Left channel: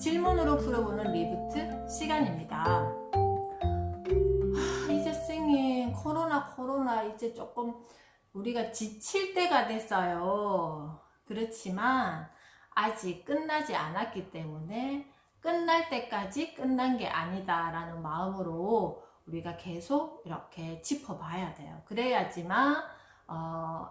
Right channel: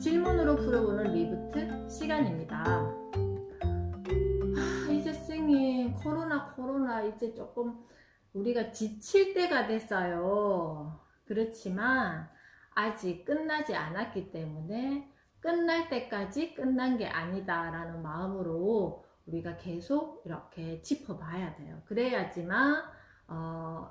질문으로 풀어보는 리부트 시간입니다. 이제 선생님 코로나 이제 조금 우리가 지칠 때가 됐어요. 그렇지만 아직 끝나지 않았기 때문에 끝날 때까지 끝난 게 아니다 라는 마음으로 우리가 계속 이렇게 짚어봐야 돼요. 그래야지만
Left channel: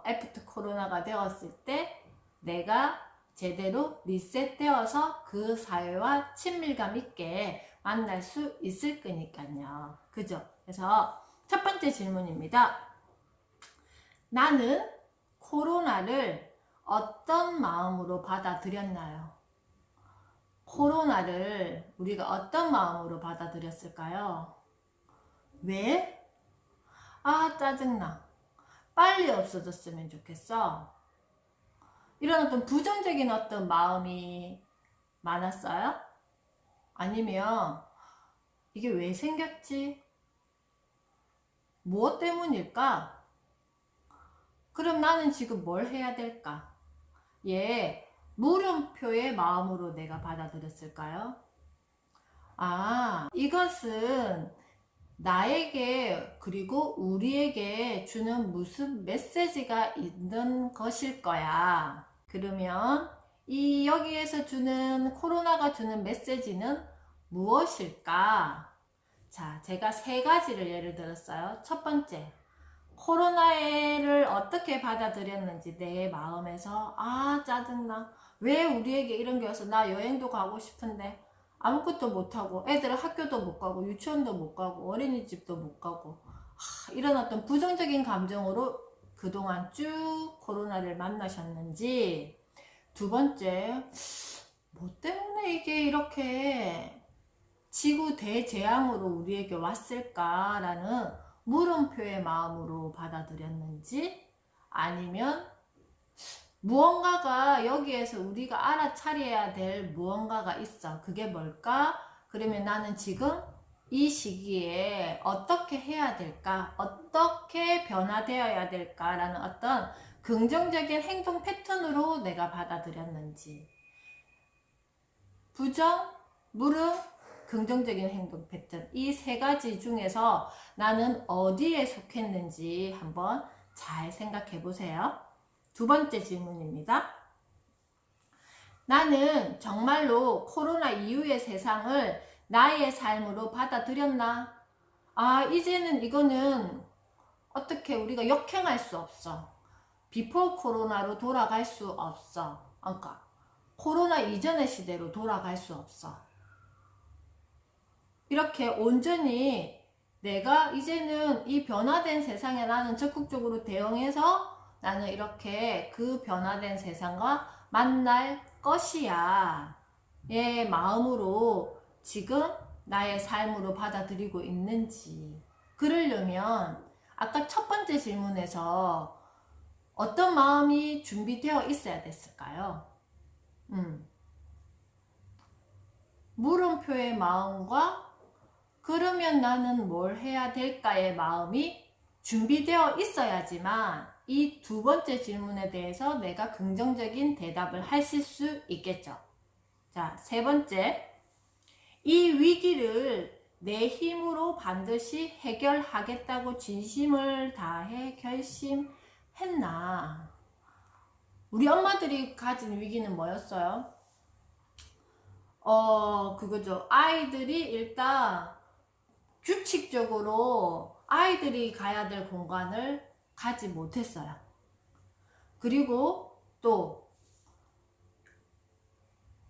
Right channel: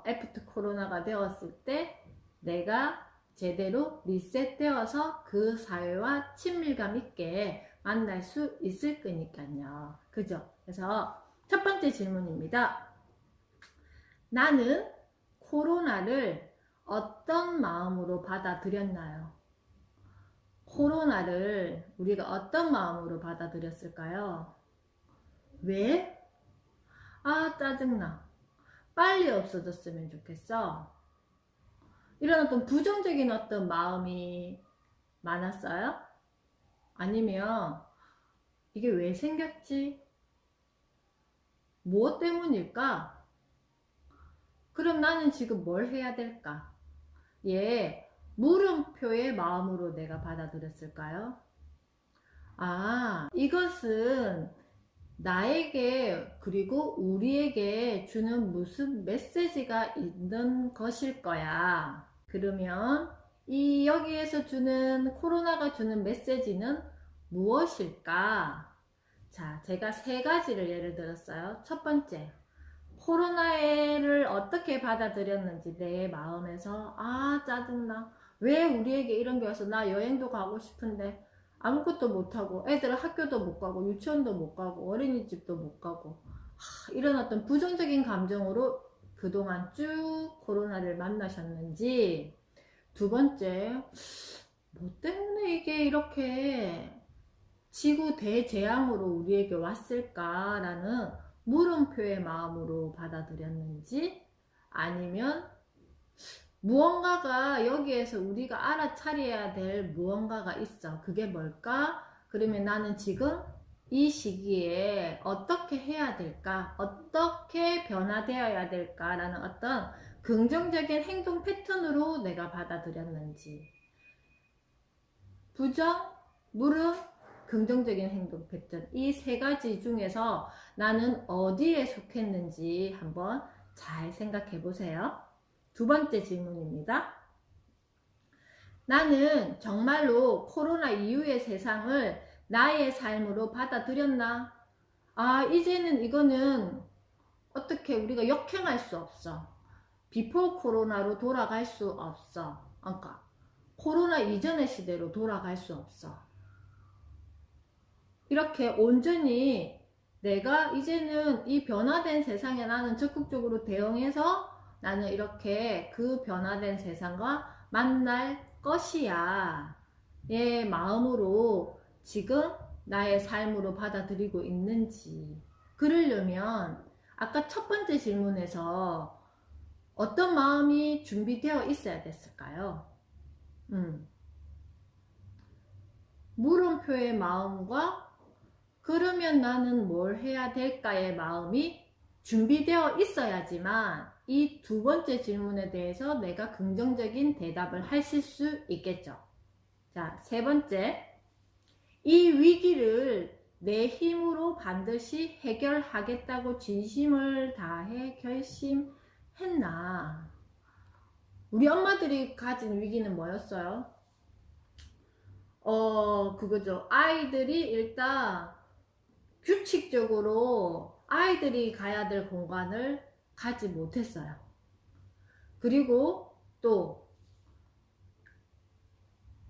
애프터 코로나가 되었을 때 내가 제대로 리셋되어서 그 사회와 친밀감 있게 만날 수 있을 거니까요. 그죠? 그래서 첫 번째 질문입니다. 나는 코로나를 어떤 마음으로 받아들였나요? 코로나를 우리가 어떤 마음으로 받아들였을까요? 왜? 짜증나. 빨리 없어졌으면 좋겠어. 이런 어떤 부정적인 어떤 마음이 많았어요? 아니면 이게 왜 생겼지? 무엇 때문일까? 그럼 나는 지금 뭘 해야 될까? 물음표의 마음으로 내가 받아들였을까요? 이것은 나에게 그리고 우리에게 주는 무슨 메시지가 있는 것일 거야. 그러면 여기에서 주는 코로나가 주는 메시지는 무엇일까? 자, 제가 세 가지를 예를 들었어요. 첫 번째, 코로나를 어떻게 받아들였는지 내 마음에서 짜증나. 왜 우리에게 이런 게 와서 나 여행도 가고 싶은데 아무것도 못하고 애들 학교도 못 가고 유치원도 못 가고 어린이집도 못 가고 이런 어떤 부정적인 감정으로 그동안 쭉 코로나를 만나셨는지. 두 번째, 뭐 때문에 이게 이렇게 지구 대재앙으로 우리에게 왔을까라는 물음표의 마음으로 받아들였는지, 아니면 무언가가 여기에서 우리가 알아차려야 될 무언가가 있어. 그게 뭘까? 그러면 나는 지금 이 시기에 어떻게 해야 될까? 어떻게 변화되어야 될까라는 어떤 긍정적인 행동 패턴으로 내가 받아들였는지. 부정, 물음, 긍정적인 행동 패턴. 이 세 가지 중에서 나는 어디에 속했는지 한번 잘 생각해 보세요. 두 번째 질문입니다. 나는 정말로 코로나 이후의 세상을 나의 삶으로 받아들였나? 이제는 이거는 어떻게 우리가 역행할 수 없어. 비포 코로나로 돌아갈 수 없어. 그러니까 코로나 이전의 시대로 돌아갈 수 없어. 이렇게 온전히 내가 이제는 이 변화된 세상에 나는 적극적으로 대응해서 나는 이렇게 그 변화된 세상과 만날 것이야. 마음으로 지금 나의 삶으로 받아들이고 있는지. 그러려면 아까 첫 번째 질문에서 어떤 마음이 준비되어 있어야 됐을까요? 물음표의 마음과 그러면 나는 뭘 해야 될까의 마음이 준비되어 있어야지만 이 두 번째 질문에 대해서 내가 긍정적인 대답을 하실 수 있겠죠. 자, 세 번째. 이 위기를 내 힘으로 반드시 해결하겠다고 진심을 다해 결심했나? 우리 엄마들이 가진 위기는 뭐였어요? 그거죠. 아이들이 일단 규칙적으로 아이들이 가야 될 공간을 가지 못했어요. 그리고 또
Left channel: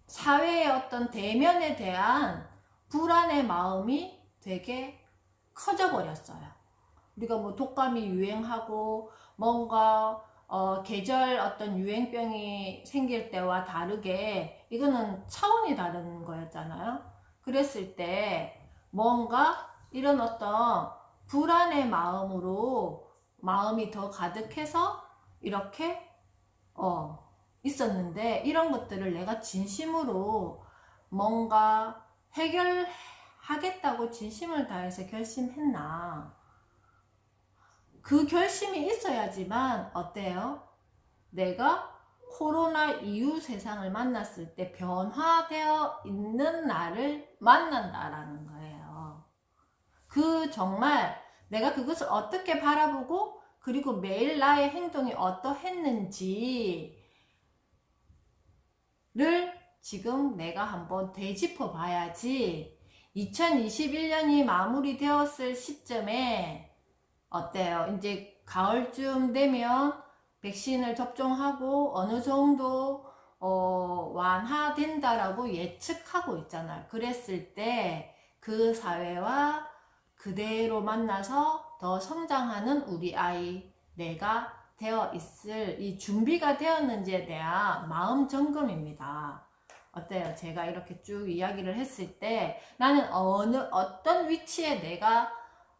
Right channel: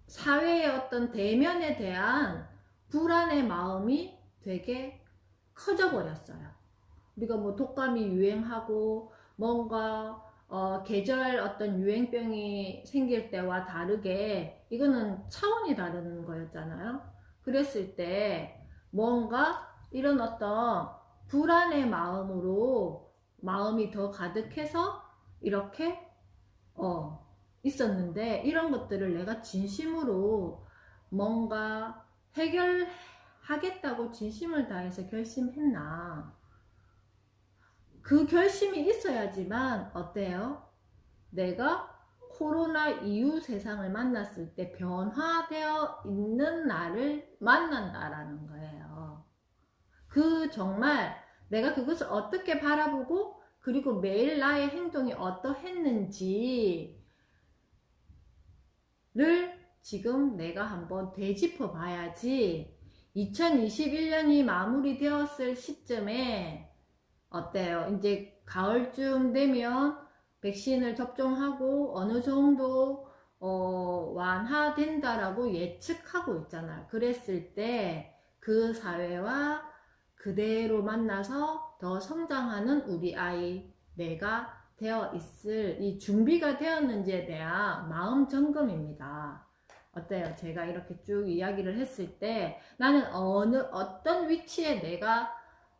사회의 어떤 대면에 대한 불안의 마음이 되게 커져 버렸어요. 우리가 뭐 독감이 유행하고 뭔가 계절 어떤 유행병이 생길 때와 다르게 이거는 차원이 다른 거였잖아요. 그랬을 때 뭔가 이런 어떤 불안의 마음으로 마음이 더 가득해서 이렇게 있었는데, 이런 것들을 내가 진심으로 뭔가 해결하겠다고 진심을 다해서 결심했나? 그 결심이 있어야지만 어때요? 내가 코로나 이후 세상을 만났을 때 변화되어 있는 나를 만난다라는 거예요. 그 정말 내가 그것을 어떻게 바라보고 그리고 매일 나의 행동이 어떠했는지를 지금 내가 한번 되짚어 봐야지 2021년이 마무리되었을 시점에 어때요? 이제 가을쯤 되면 백신을 접종하고 어느 정도 완화된다라고 예측하고 있잖아요. 그랬을 때 그 사회와 그대로 만나서 더 성장하는 우리 아이, 내가 되어 있을 이 준비가 되었는지에 대한 마음 점검입니다. 어때요? 제가 이렇게 쭉 이야기를 했을 때 나는 어떤 위치에 내가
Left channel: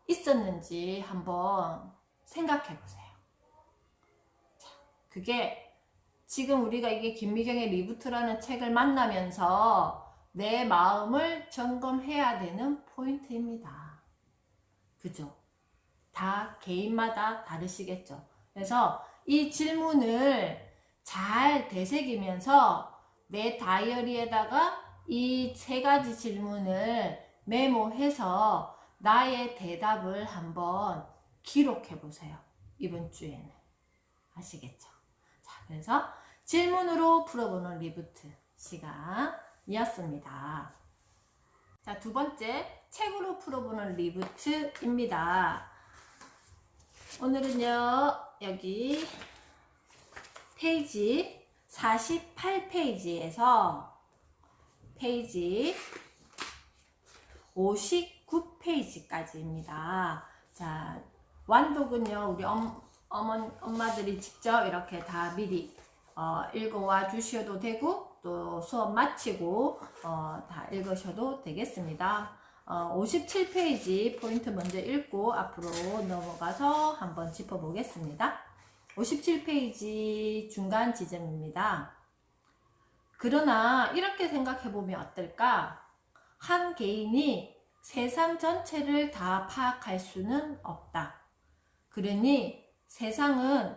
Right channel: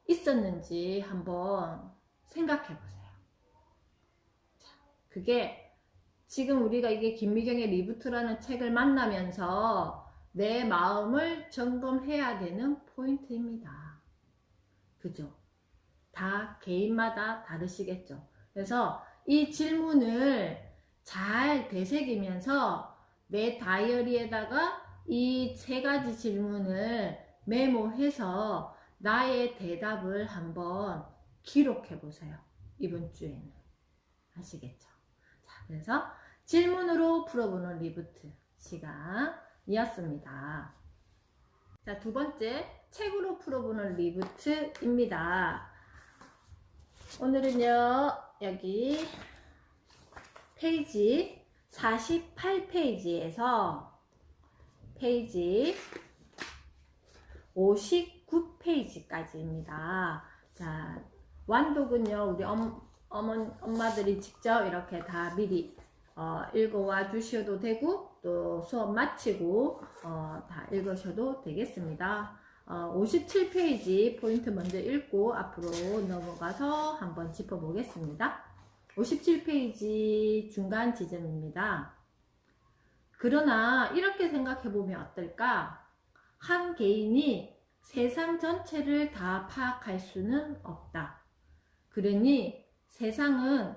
있었는지 한번 생각해 보세요. 그게 지금 우리가 이게 김미경의 리부트라는 책을 만나면서 내 마음을 점검해야 되는 포인트입니다. 그죠? 다 개인마다 다르시겠죠? 그래서 이 질문을 잘 되새기면서 내 다이어리에다가 이 3가지 질문을 메모해서 나의 대답을 한번 기록해 보세요. 이번 주에는. 아시겠죠? 자, 그래서 질문으로 풀어보는 리부트 시간이었습니다. 자, 2번째 책으로 풀어보는 리부트입니다. 오늘은요, 여기 페이지 48페이지에서 페이지 59페이지까지입니다. 자, 완독은요, 우리 엄마들이 직접 이렇게 다 미리 읽어와 주셔도 되고 또 수업 마치고 다 읽으셔도 되겠습니다. 57페이지 포인트 먼저 읽고 앞으로 넘어가서 한번 짚어보겠습니다. 57페이지 중간 지점입니다. 그러나 이렇게 생각해보면 어떨까? 한 개인이 세상 전체를 다 파악할 수는 없다. 그러니 세상은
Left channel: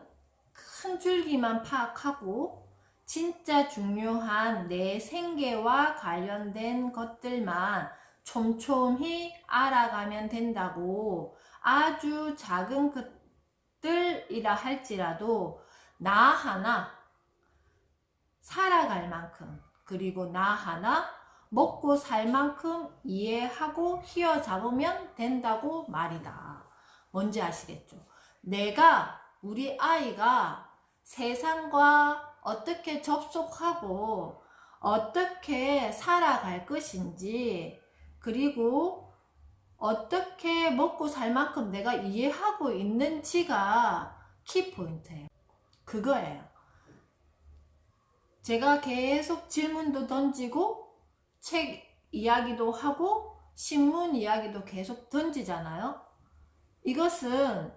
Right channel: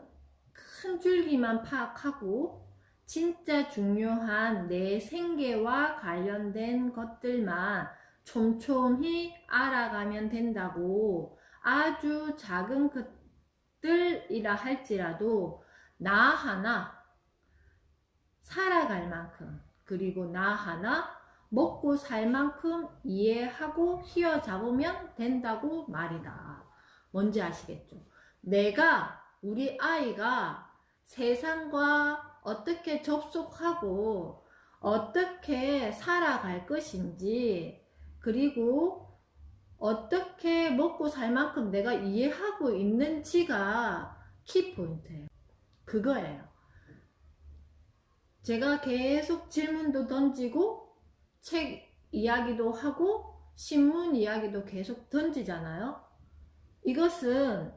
큰 줄기만 파악하고 진짜 중요한 내 생계와 관련된 것들만 촘촘히 알아가면 된다고. 아주 작은 것들이라 할지라도 나 하나 살아갈 만큼, 그리고 나 하나 먹고 살 만큼 이해하고 휘어잡으면 된다고 말이다. 뭔지 아시겠죠? 우리 아이가 세상과 어떻게 접속하고 어떻게 살아갈 것인지, 그리고 어떻게 먹고 살 만큼 내가 이해하고 있는지가 키포인트예요. 그거예요. 제가 계속 질문도 던지고 책 이야기도 하고 신문 이야기도 계속 던지잖아요. 이것은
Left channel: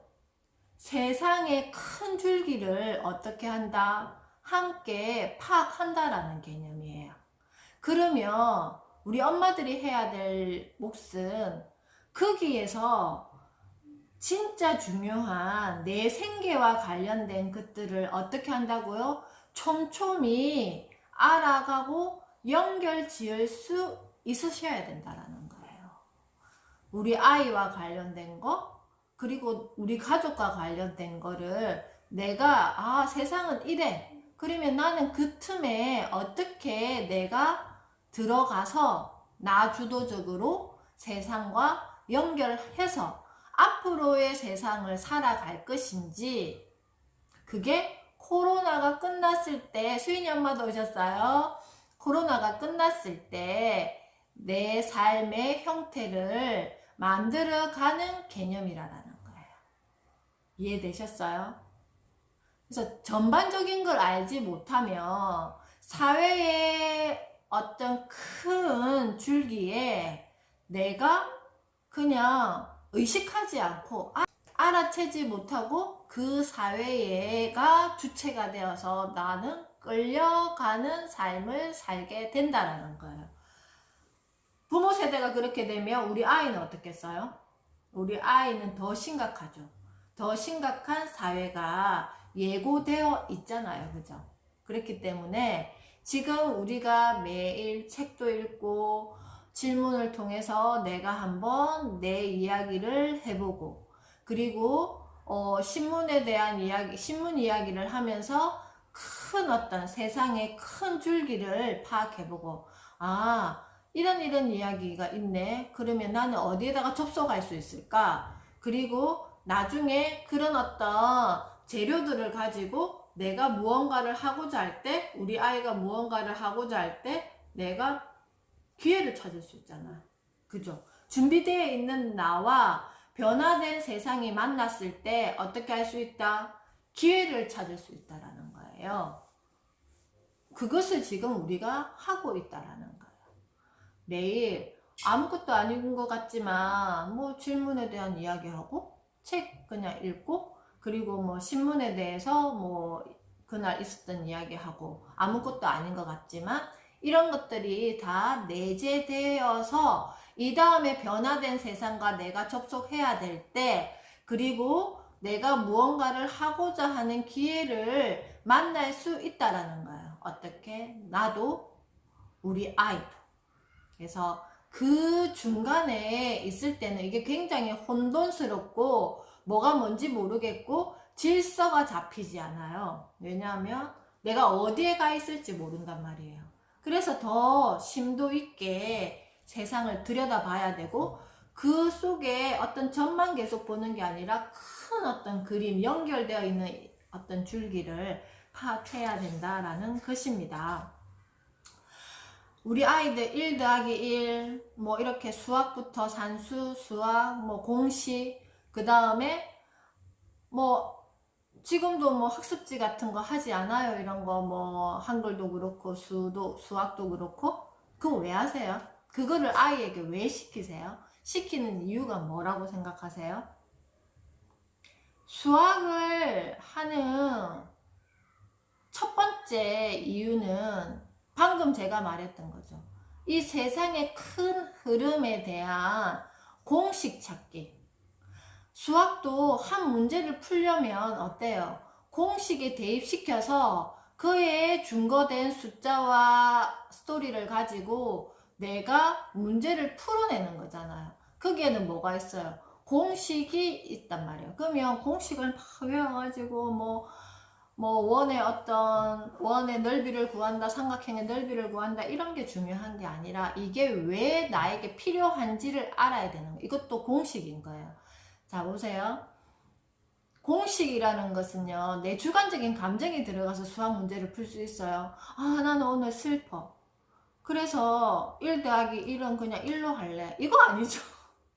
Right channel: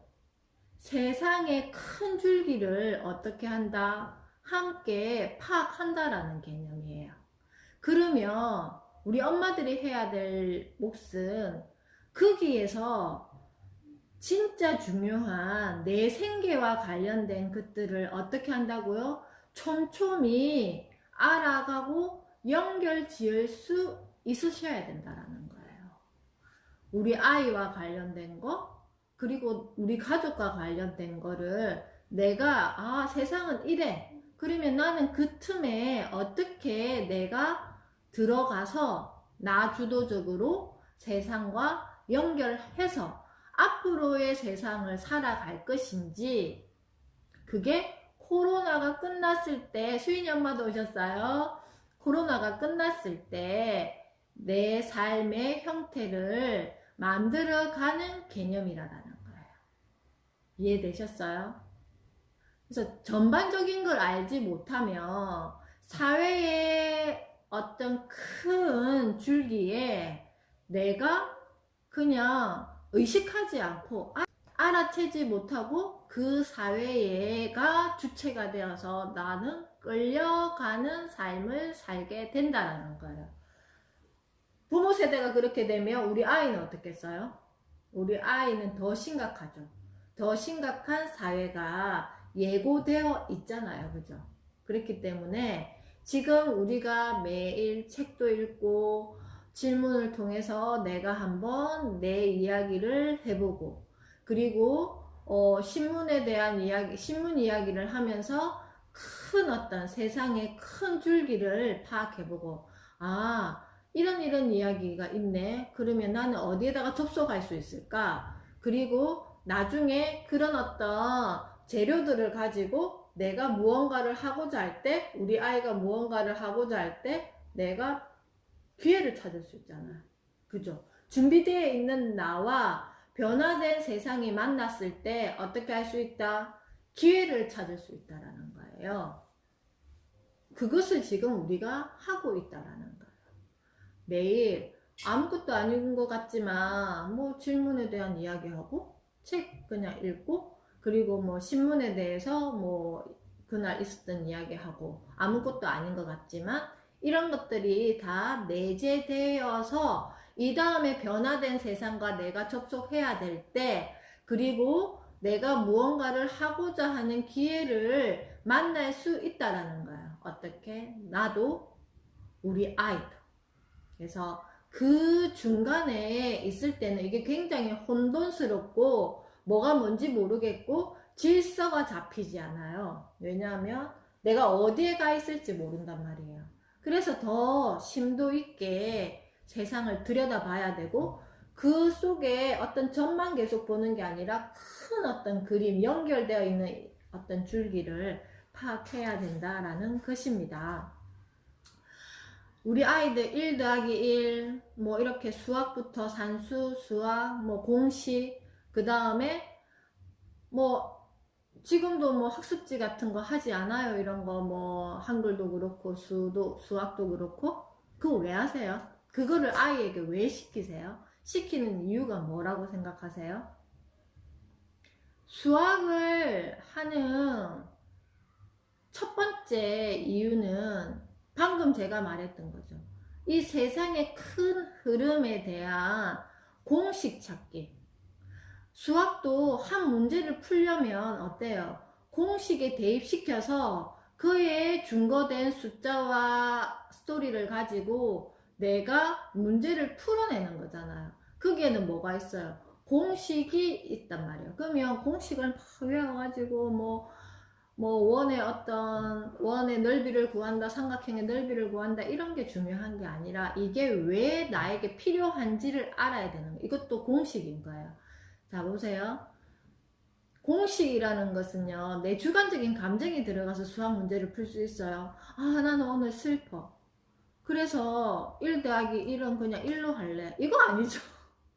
세상의 큰 줄기를 어떻게 한다? 함께 파악한다라는 개념이에요. 그러면 우리 엄마들이 해야 될 몫은 거기에서 진짜 중요한 내 생계와 관련된 것들을 어떻게 한다고요? 촘촘히 알아가고 연결 지을 수 있으셔야 된다라는 거예요. 우리 아이와 관련된 거, 그리고 우리 가족과 관련된 거를 내가 세상은 이래. 그러면 나는 그 틈에 어떻게 내가 들어가서 나 주도적으로 세상과 연결해서 앞으로의 세상을 살아갈 것인지, 그게 코로나가 끝났을 때, 수인이 엄마도 오셨어요. 코로나가 끝났을 때 내 삶의 형태를 만들어가는 개념이라는 거예요. 이해되셨어요? 그래서 전반적인 걸 알지 못하면 사회의 어떤 큰 줄기에 내가 그냥 의식하지 않고 알아채지 못하고 그 사회가 주체가 되어서 나는 끌려가는 삶을 살게 된다는 거예요. 부모 세대가 그렇게 되면 우리 아이는 어떻겠어요? 우리 아이는 더 심각하죠. 더 심각한 사회가 예고되어 있잖아요. 그죠? 그렇기 때문에 지금 우리가 매일 책도 읽고 질문을 통해서 내가 한번 내 이야기를 해보고, 그리고 신문에 대한 이야기, 신문 이야기를 하면서 큰 어떤 세상의 큰 줄기를 파악해보고, 아, 이런 이야기가 있네. 그러면 나는 어디에다가 접속할 수 있을까? 그리고 나중에 그런 어떤 재료들을 가지고 내가 무언가를 하고자 할 때, 우리 아이가 무언가를 하고자 할 때 내가 기회를 찾을 수 있잖아. 그죠? 준비되어 있는 나와 변화된 세상이 만났을 때 어떻게 할 수 있다? 기회를 찾을 수 있다라는 거예요. 그것을 지금 우리가 하고 있다라는 거예요. 매일 아무것도 아닌 것 같지만 뭐 질문에 대한 이야기하고 책 그냥 읽고, 그리고 뭐 신문에 대해서 뭐 그날 있었던 이야기하고, 아무것도 아닌 것 같지만 이런 것들이 다 내재되어서 이 다음에 변화된 세상과 내가 접속해야 될 때, 그리고 내가 무언가를 하고자 하는 기회를 만날 수 있다라는 거예요. 어떻게? 나도, 우리 아이도. 그래서 그 중간에 있을 때는 이게 굉장히 혼돈스럽고 뭐가 뭔지 모르겠고 질서가 잡히지 않아요. 왜냐하면 내가 어디에 가 있을지 모른단 말이에요. 그래서 더 심도 있게 세상을 들여다봐야 되고, 그 속에 어떤 점만 계속 보는 게 아니라 큰 어떤 그림, 연결되어 있는 어떤 줄기를 파악해야 된다라는 것입니다. 우리 아이들 1 더하기 1, 뭐 이렇게 수학부터 산수, 수학, 뭐 공식, 그 다음에 뭐 지금도 뭐 학습지 같은 거 하지 않아요? 이런 거 뭐 한글도 그렇고 수학도 그렇고. 그거 왜 하세요? 그거를 아이에게 왜 시키세요? 시키는 이유가 뭐라고 생각하세요? 수학을 하는 첫 번째 이유는 방금 제가 말했던 거죠. 이 세상의 큰 흐름에 대한 공식 찾기. 수학도 한 문제를 풀려면 어때요? 공식에 대입시켜서 그에 준거된 숫자와 스토리를 가지고 내가 문제를 풀어내는 거잖아요. 거기에는 뭐가 있어요? 공식이 있단 말이에요. 그러면 공식을 막 외워가지고 원의 넓이를 구한다, 삼각형의 넓이를 구한다, 이런 게 중요한 게 아니라 이게 왜 나에게 필요한지를 알아야 되는 거예요. 이것도 공식인 거예요. 자, 보세요. 공식이라는 것은요, 내 주관적인 감정이 들어가서 수학 문제를 풀 수 있어요. 아, 나는 오늘 슬퍼. 그래서 1 더하기 1은 그냥 1로 할래. 이거 아니죠.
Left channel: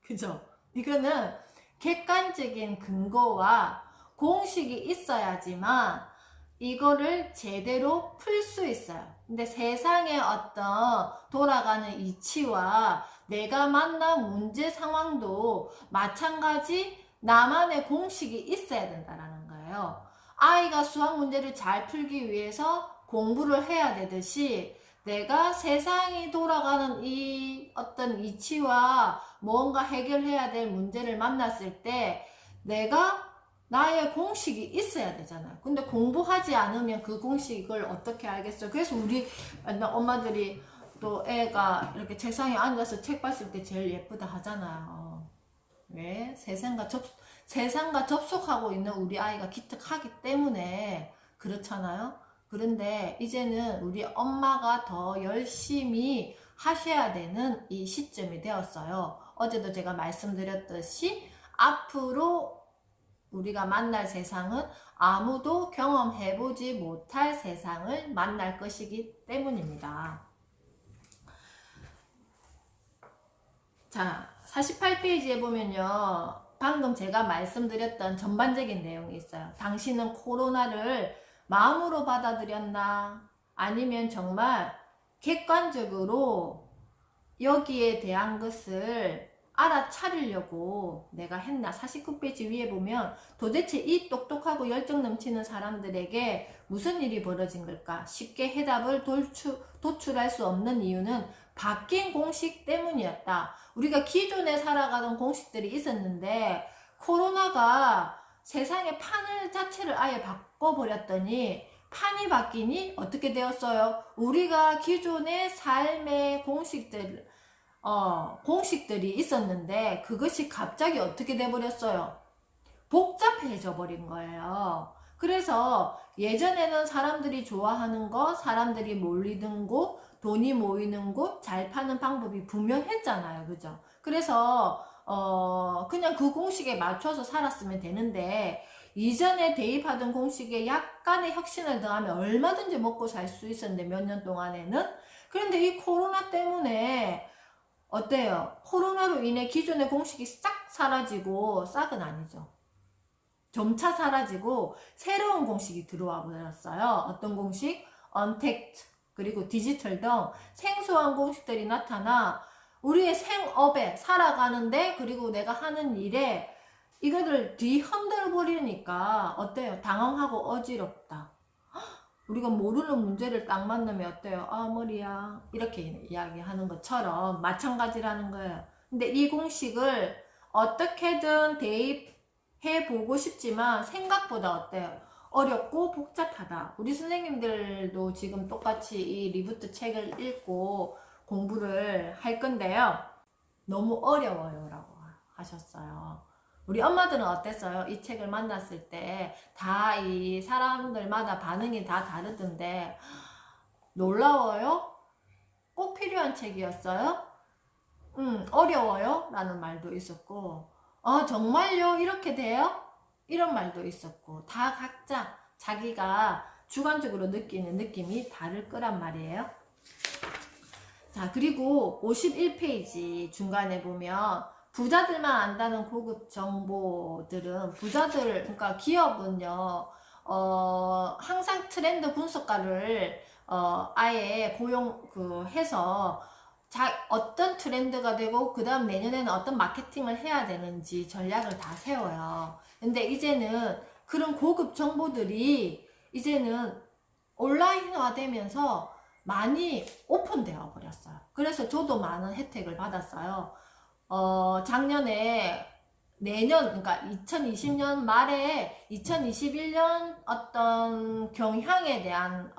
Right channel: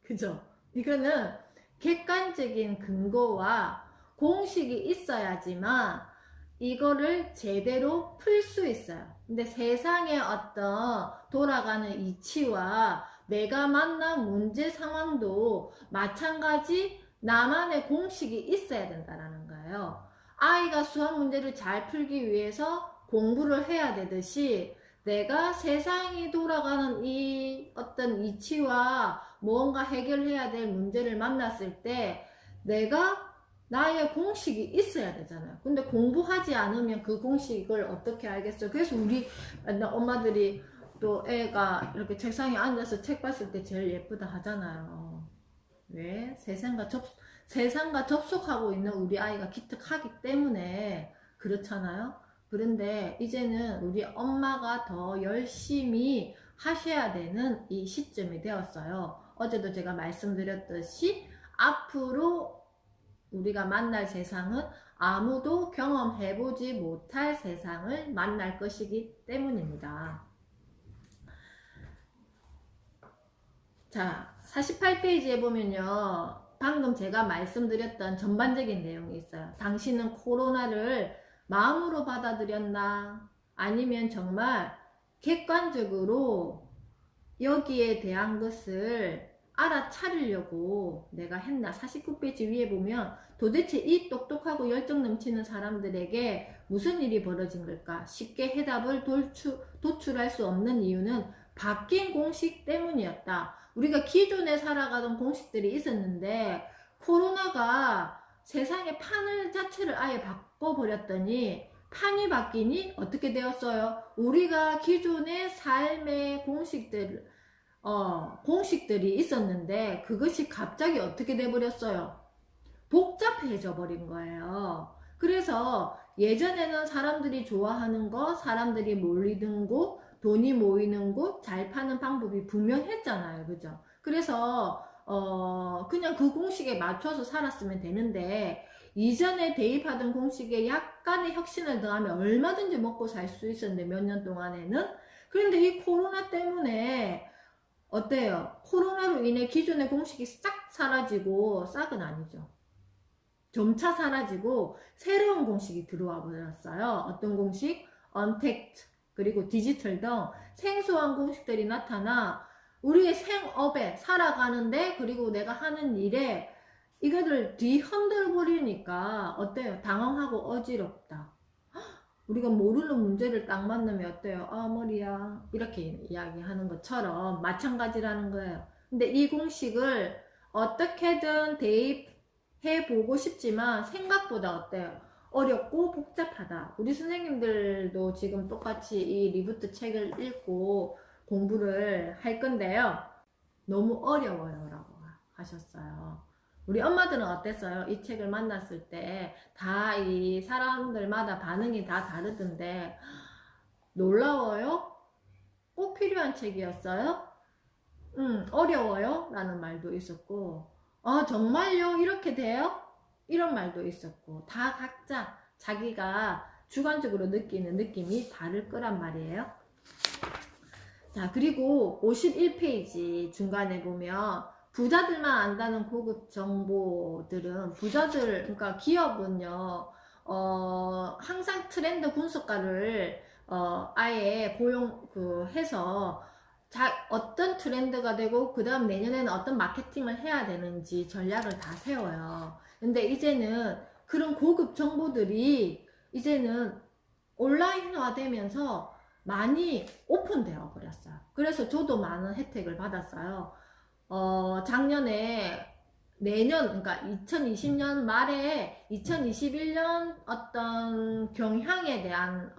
그죠? 이거는 객관적인 근거와 공식이 있어야지만 이거를 제대로 풀 수 있어요. 근데 세상의 어떤 돌아가는 이치와 내가 만난 문제 상황도 마찬가지 나만의 공식이 있어야 된다는 거예요. 아이가 수학 문제를 잘 풀기 위해서 공부를 해야 되듯이 내가 세상이 돌아가는 이 어떤 이치와 무언가 해결해야 될 문제를 만났을 때 내가 나의 공식이 있어야 되잖아요. 근데 공부하지 않으면 그 공식을 어떻게 알겠어요? 그래서 우리 엄마들이 또 애가 이렇게 책상에 앉아서 책 봤을 때 제일 예쁘다 하잖아요. 왜? 세상과 접속하고 있는 우리 아이가 기특하기 때문에 그렇잖아요. 그런데 이제는 우리 엄마가 더 열심히 하셔야 되는 이 시점이 되었어요. 어제도 제가 말씀드렸듯이 앞으로 우리가 만날 세상은 아무도 경험해보지 못할 세상을 만날 것이기 때문입니다. 자, 48페이지에 보면요, 방금 제가 말씀드렸던 전반적인 내용이 있어요. 당신은 코로나를 마음으로 받아들였나? 아니면 정말 객관적으로 여기에 대한 것을 알아차리려고 내가 했나? 49페이지 위에 보면 도대체 이 똑똑하고 열정 넘치는 사람들에게 무슨 일이 벌어진 걸까? 쉽게 해답을 도출할 수 없는 이유는 바뀐 공식 때문이었다. 우리가 기존에 살아가던 공식들이 있었는데 코로나가 세상의 판을 자체를 아예 바꿔버렸더니 판이 바뀌니 어떻게 되었어요? 우리가 기존의 삶의 공식들이 있었는데 그것이 갑자기 어떻게 돼버렸어요? 복잡해져 버린 거예요. 그래서 예전에는 사람들이 좋아하는 거, 사람들이 몰리는 곳, 돈이 모이는 곳, 잘 파는 방법이 분명했잖아요. 그죠? 그래서 그냥 그 공식에 맞춰서 살았으면 되는데 이전에 대입하던 공식에 약간의 혁신을 더하면 얼마든지 먹고 살 수 있었는데 몇 년 동안에는. 그런데 이 코로나 때문에 어때요? 코로나로 인해 기존의 공식이 싹 사라지고, 싹은 아니죠. 점차 사라지고 새로운 공식이 들어와 버렸어요. 어떤 공식? 언택트, 그리고 디지털 등 생소한 공식들이 나타나 우리의 생업에 살아가는데, 그리고 내가 하는 일에 이거를 뒤흔들어 버리니까 어때요? 당황하고 어지럽다. 우리가 모르는 문제를 딱 만나면 어때요? 아, 머리야. 이렇게 이야기하는 것처럼 마찬가지라는 거예요. 근데 이 공식을 어떻게든 대입해보고 싶지만 생각보다 어때요? 어렵고 복잡하다. 우리 선생님들도 지금 똑같이 이 리부트 책을 읽고 공부를 할 건데요. 너무 어려워요 라고 하셨어요. 우리 엄마들은 어땠어요? 이 책을 만났을 때 다 이 사람들마다 반응이 다 다르던데 놀라워요? 꼭 필요한 책이었어요? 어려워요? 라는 말도 있었고, 정말요? 이렇게 돼요? 이런 말도 있었고, 다 각자 자기가 주관적으로 느끼는 느낌이 다를 거란 말이에요. 자, 그리고 51페이지 중간에 보면 부자들만 안다는 고급 정보들은, 부자들, 그러니까 기업은요, 항상 트렌드 분석가를, 아예 해서, 어떤 트렌드가 되고, 그 다음 내년에는 어떤 마케팅을 해야 되는지 전략을 다 세워요. 근데 이제는 그런 고급 정보들이 이제는 온라인화 되면서 많이 오픈되어 버렸어요. 그래서 저도 많은 혜택을 받았어요. 작년에 그러니까 2020년 말에 2021년 어떤 경향에 대한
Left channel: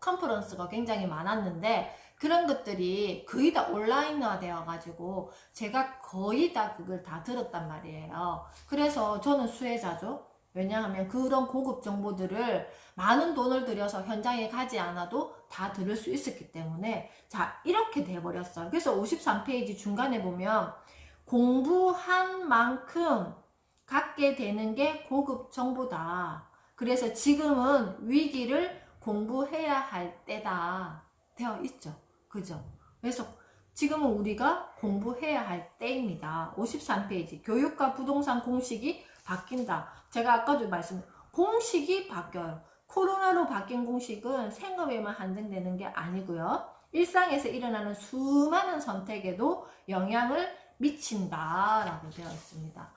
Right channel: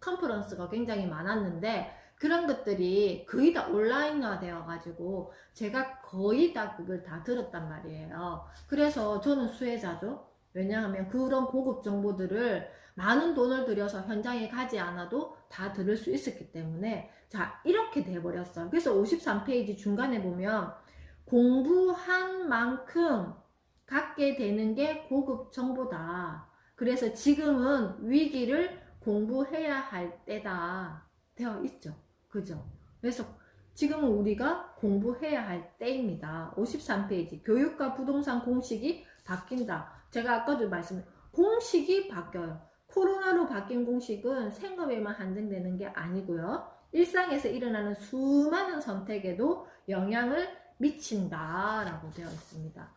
컨퍼런스가 굉장히 많았는데, 그런 것들이 거의 다 온라인화 되어 가지고 제가 거의 다 그걸 다 들었단 말이에요. 그래서 저는 수혜자죠. 왜냐하면 그런 고급 정보들을 많은 돈을 들여서 현장에 가지 않아도 다 들을 수 있었기 때문에, 자, 이렇게 돼버렸어요. 그래서 53페이지 중간에 보면 공부한 만큼 갖게 되는 게 고급 정보다. 그래서 지금은 위기를 공부해야 할 때다 되어 있죠. 그죠? 그래서 지금은 우리가 공부해야 할 때입니다. 53페이지 교육과 부동산 공식이 바뀐다. 제가 아까도 공식이 바뀌어요. 코로나로 바뀐 공식은 생업에만 한정되는 게 아니고요. 일상에서 일어나는 수많은 선택에도 영향을 미친다라고 되어 있습니다.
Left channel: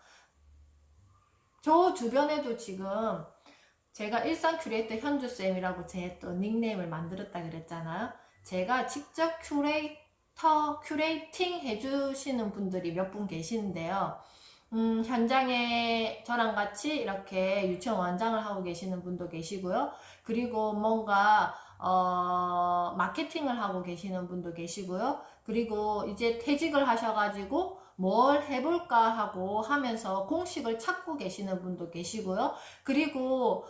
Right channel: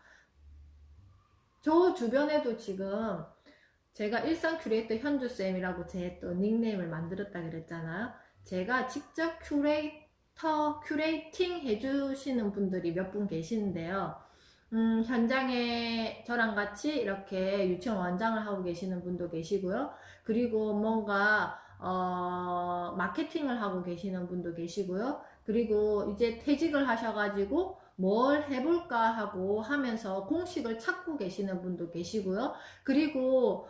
저 주변에도 지금 제가 일상 큐레이터 현주쌤이라고 제 또 닉네임을 만들었다 그랬잖아요. 제가 직접 큐레이팅 해주시는 분들이 몇 분 계시는데요. 현장에 저랑 같이 이렇게 유치원 원장을 하고 계시는 분도 계시고요. 그리고 뭔가 마케팅을 하고 계시는 분도 계시고요. 그리고 이제 퇴직을 하셔가지고 뭘 해볼까 하고 하면서 공식을 찾고 계시는 분도 계시고요. 그리고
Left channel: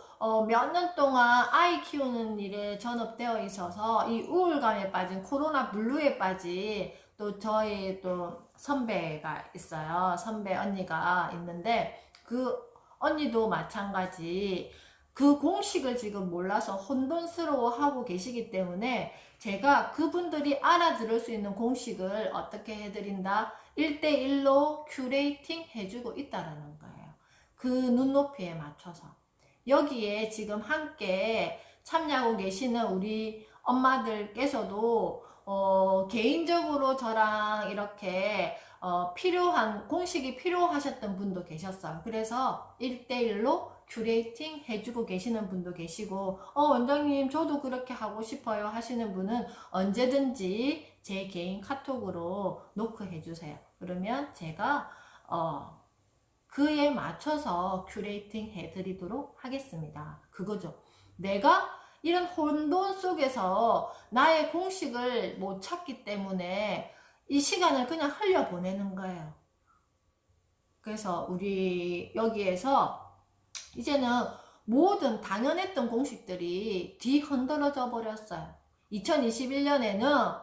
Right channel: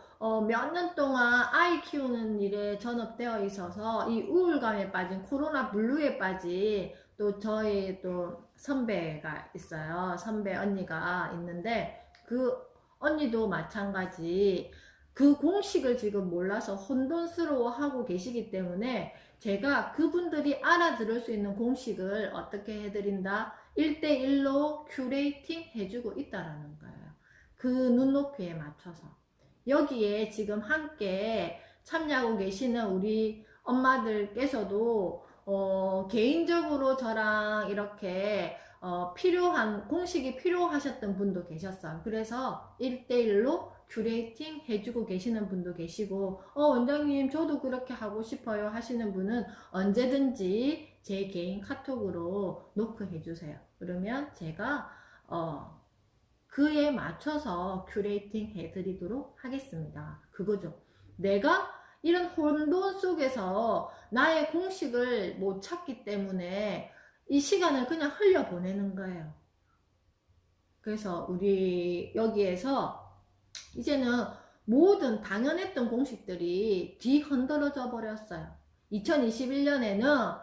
몇 년 동안 아이 키우는 일에 전업되어 있어서 이 우울감에 빠진, 코로나 블루에 빠진 또 저희 또 선배가 있어요. 선배 언니가 있는데 그 언니도 마찬가지 그 공식을 지금 몰라서 혼돈스러워 하고 계시기 때문에 제가 그분들이 알아들을 수 있는 공식을 어떻게 해드린다? 1대1로 큐레이팅 해주고 있다라는 거예요. 그 눈높이에 맞춰서. 여기에 지금 함께 참여하고 계시는 우리 엄마들께서도 개인적으로 저랑 이렇게 필요한 공식이 필요하셨던 분도 계셨어요. 그래서 1대1로 큐레이팅 해주고 계시는 분도 계시고, 원장님 저도 그렇게 하고 싶어요 하시는 분은 언제든지 제 개인 카톡으로 노크해 주세요. 그러면 제가 그에 맞춰서 큐레이팅 해드리도록 하겠습니다. 그거죠. 내가 이런 혼돈 속에서 나의 공식을 못 찾기 때문에 이 시간을 그냥 흘려보내는 거예요. 그래서 우리 여기에서 이제는 모든 당연했던 공식들이 뒤흔들어져 버렸어요. 2021년에는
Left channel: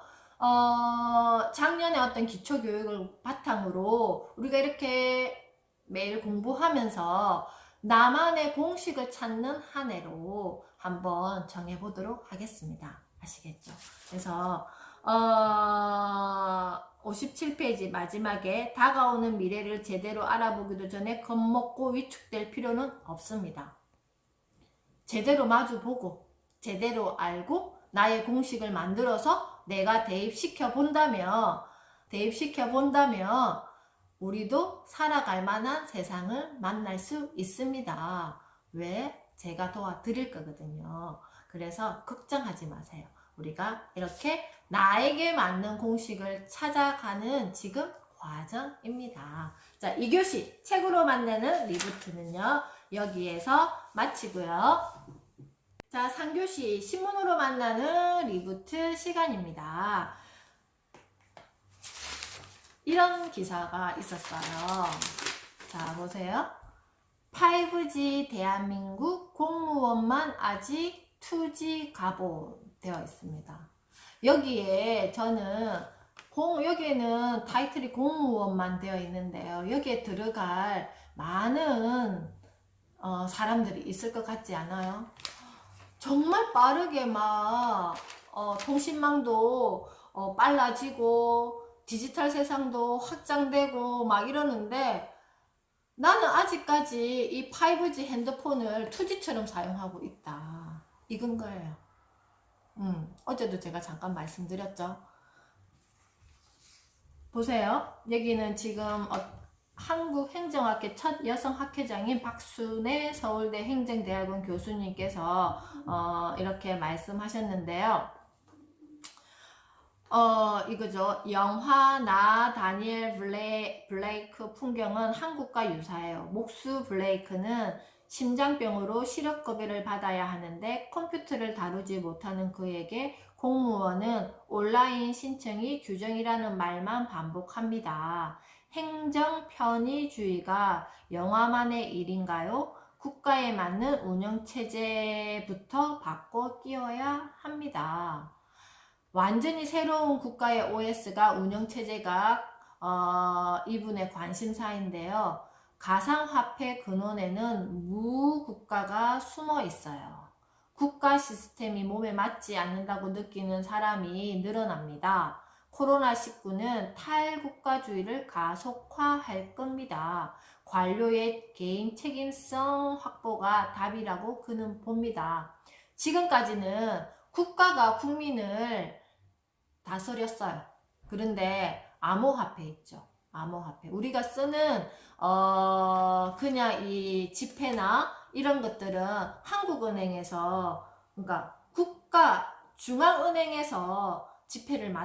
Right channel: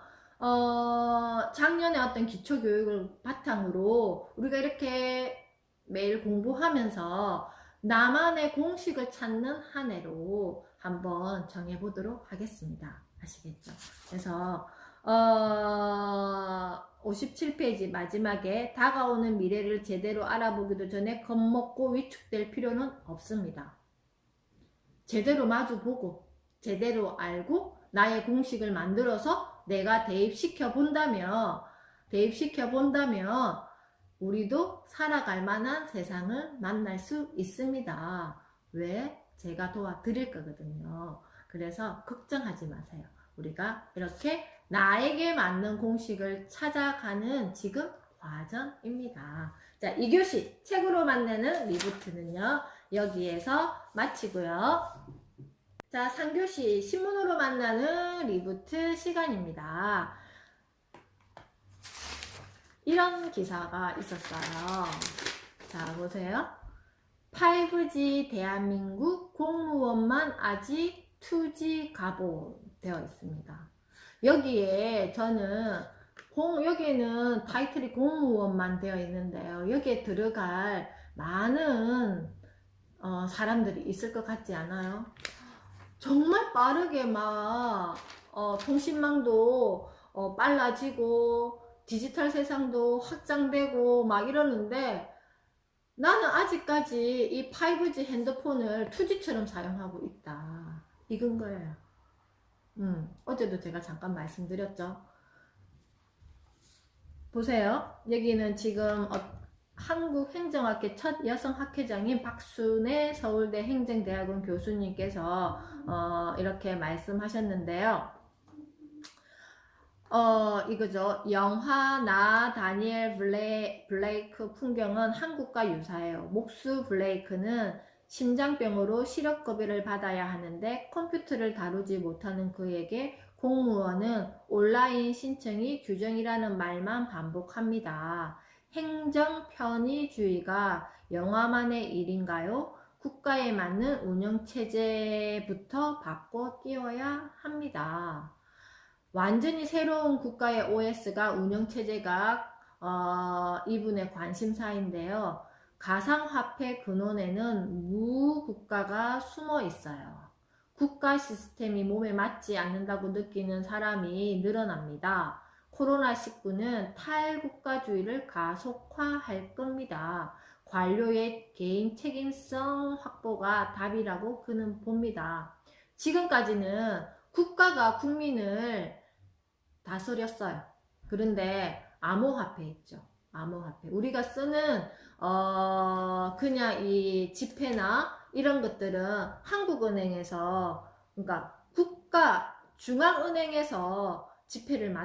작년에 어떤 기초교육을 바탕으로 우리가 이렇게 매일 공부하면서 나만의 공식을 찾는 한 해로 한번 정해보도록 하겠습니다. 아시겠죠? 그래서 57페이지 마지막에 다가오는 미래를 제대로 알아보기도 전에 겁먹고 위축될 필요는 없습니다. 제대로 마주보고 제대로 알고 나의 공식을 만들어서 내가 대입시켜 본다면 우리도 살아갈 만한 세상을 만날 수 있습니다. 왜? 제가 도와드릴 거거든요. 그래서 걱정하지 마세요. 우리가 이렇게 나에게 맞는 공식을 찾아가는 지금 과정입니다. 자, 2교시 책으로 만나는 리부트는요, 여기에서 마치고요. 자, 3교시 신문으로 만나는 리부트 시간입니다. 이런 기사가 있었어요. 자, 보세요. 5G 대한민국 공무원만 아직 2G 가보 되어 있습니다. 여기에 저는 여기에는 타이틀이 공무원만 되어 있는데요. 여기에 들어갈 많은 사람들이 있을 것 같지 않아요? 정말 빠르게 막 통신망도 빨라지고 디지털 세상도 확장되고 막 이러는데 나는 아직까지 이 5G 핸드폰을 2G처럼 사용하고 있다. 이건 거예요. 어제도 제가 잠깐 말씀드렸죠. 보세요. 여기는 지금 한국행정학회 첫 여성 학회장인 박순애 서울대 행정대학원 교수님께서 이렇게 말씀하셨는데요. 이거죠. 영화 나 다니엘 블레이크 풍경은 한국과 유사해요. 목수 블레이크는 심장병으로 시력고비를 받아야 하는데 컴퓨터를 다루지 못하는 그에게 공무원은 온라인 신청이 규정이라는 말만 반복합니다. 행정 편의주의가 영화만의 일인가요? 국가에 맞는 운영체제부터 바꿔 띄워야 합니다. 완전히 새로운 국가의 OS가 운영체제가 이분의 관심사인데요. 가상화폐 근원에는 무국가가 숨어 있어요. 국가 시스템이 몸에 맞지 않는다고 느끼는 사람이 늘어납니다. 코로나19는 탈국가주의를 가속화할 겁니다. 관료의 개인 책임성 확보가 답이라고 그는 봅니다. 지금까지는 국가가 국민을 다스렸어요. 그런데 암호화폐 있죠. 암호화폐. 우리가 쓰는 그냥 이 지폐나 이런 것들은 한국은행에서, 그러니까 국가 중앙은행에서 지폐를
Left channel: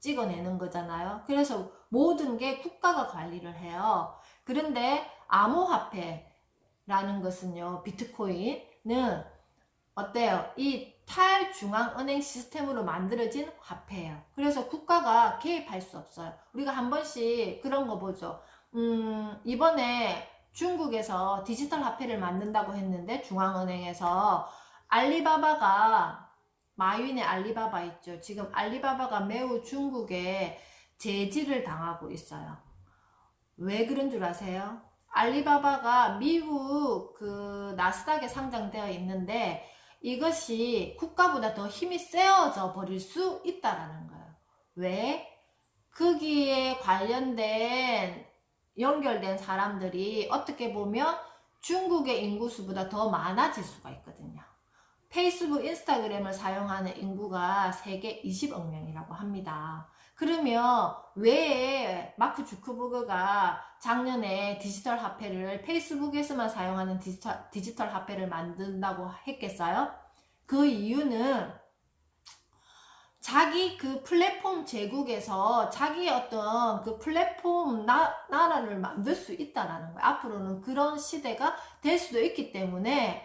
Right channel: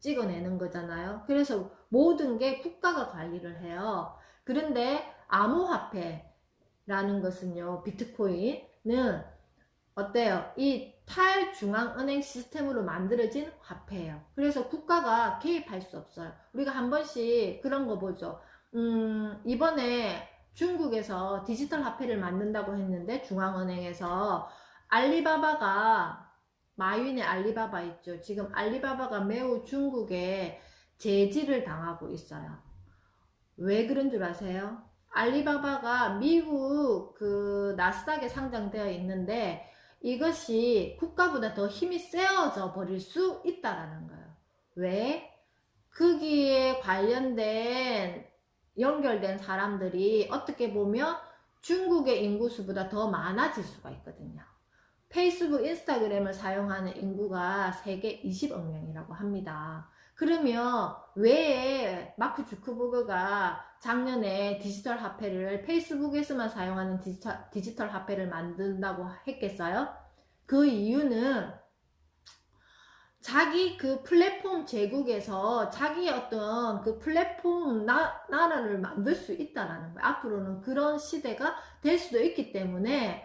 찍어내는 거잖아요. 그래서 모든 게 국가가 관리를 해요. 그런데 암호화폐라는 것은요, 비트코인은 어때요? 이 탈중앙은행 시스템으로 만들어진 화폐예요. 그래서 국가가 개입할 수 없어요. 우리가 한 번씩 그런 거 보죠. 이번에 중국에서 디지털 화폐를 만든다고 했는데 중앙은행에서 알리바바가, 마윈의 알리바바 있죠. 지금 알리바바가 매우 중국에 제지를 당하고 있어요. 왜 그런 줄 아세요? 알리바바가 미국 그 나스닥에 상장되어 있는데 이것이 국가보다 더 힘이 세워져 버릴 수 있다라는 거예요. 왜? 거기에 관련된 연결된 사람들이 어떻게 보면 중국의 인구수보다 더 많아질 수가 있거든요. 페이스북, 인스타그램을 사용하는 인구가 세계 20억 명이라고 합니다. 그러면 왜 마크 주커버그가 작년에 디지털 화폐를 페이스북에서만 사용하는 디지털 화폐를 만든다고 했겠어요? 그 이유는 자기 그 플랫폼 제국에서 자기의 어떤 그 플랫폼 나라를 만들 수 있다라는 거예요. 앞으로는 그런 시대가 될 수도 있기 때문에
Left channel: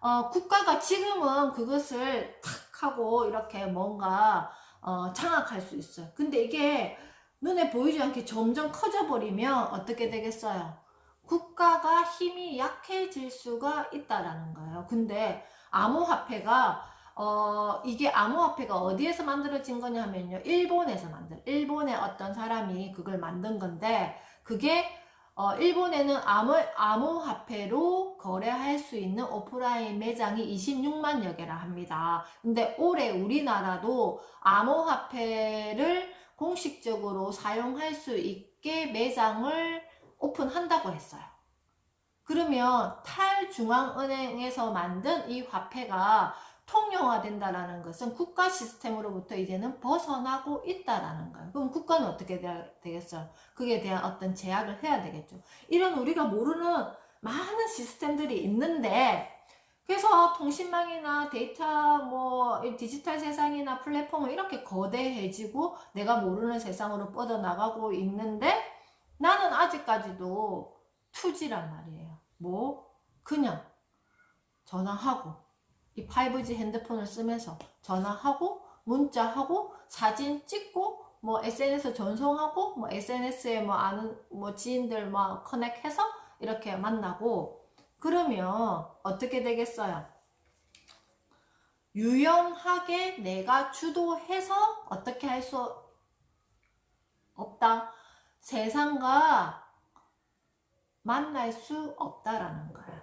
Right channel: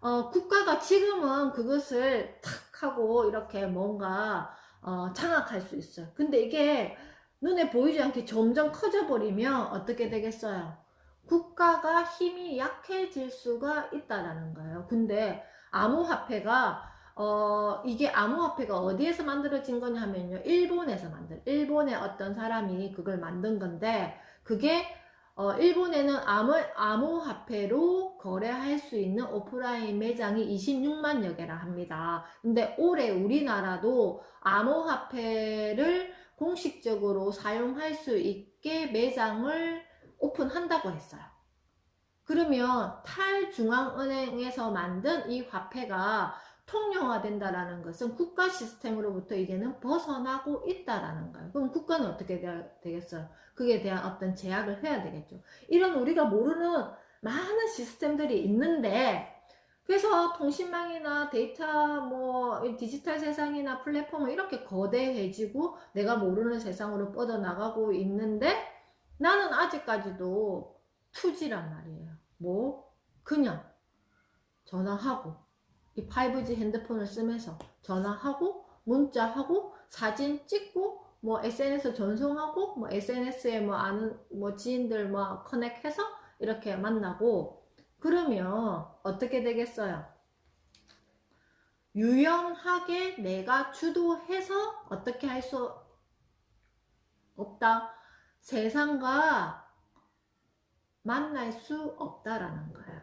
국가가 지금은 그것을 탁 하고 이렇게 뭔가 장악할 수 있어요. 근데 이게 눈에 보이지 않게 점점 커져 버리면 어떻게 되겠어요? 국가가 힘이 약해질 수가 있다라는 거예요. 근데 암호화폐가 이게 암호화폐가 어디에서 만들어진 거냐 하면요, 일본의 어떤 사람이 그걸 만든 건데, 그게 일본에는 암호화폐로 거래할 수 있는 오프라인 매장이 26만여 개라 합니다. 근데 올해 우리나라도 암호화폐를 공식적으로 사용할 수 있게 매장을 오픈한다고 했어요. 그러면 탈중앙은행에서 만든 이 화폐가 통용화된다라는 것은 국가 시스템으로부터 이제는 벗어나고 있다라는 거예요. 그럼 국가는 어떻게 되겠어요? 그에 대한 어떤 제약을 해야 되겠죠. 이런 우리가 모르는 많은 시스템들이 있는데, 그래서 통신망이나 데이터 뭐 디지털 세상이나 플랫폼은 이렇게 거대해지고 내가 모르는 세상으로 뻗어나가고 있는데, 나는 아직까지도 2G란 말이에요. 뭐 그냥 전화하고 이 5G 핸드폰을 쓰면서 전화하고 문자하고 사진 찍고 뭐 SNS 전송하고 뭐 SNS에 뭐 아는 뭐 지인들 뭐 커넥해서 이렇게 만나고, 그러면 어떻게 되겠어요? 유연하게 내가 주도해서 어떻게 할 수 없다. 세상과 만날 수 없다라는 거예요.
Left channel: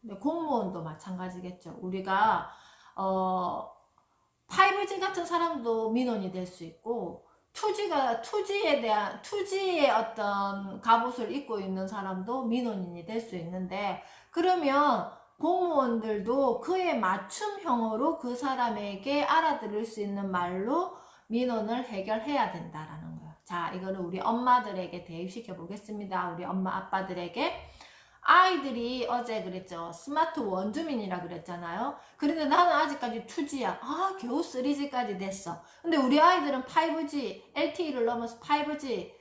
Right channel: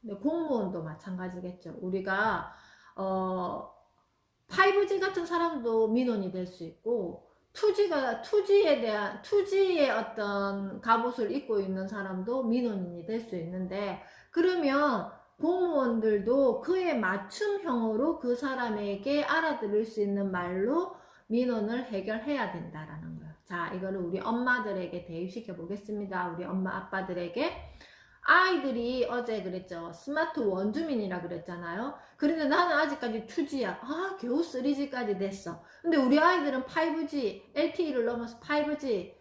근데 공무원도 마찬가지겠죠. 우리가 5G 같은 사람도 민원이 될 수 있고, 2G의 어떤 갑옷을 입고 있는 사람도 민원인이 될 수 있는데, 그러면 공무원들도 그에 맞춤형으로 그 사람에게 알아들을 수 있는 말로 민원을 해결해야 된다라는 거예요. 자, 이거를 우리 엄마들에게 대입시켜 보겠습니다. 우리 엄마 아빠들에게. 아이들이 어제 그랬죠. 스마트 원주민이라 그랬잖아요. 그런데 나는 아직까지 2G야. 겨우 3G까지 됐어. 근데 우리 아이들은 5G, LTE를 넘어서 5G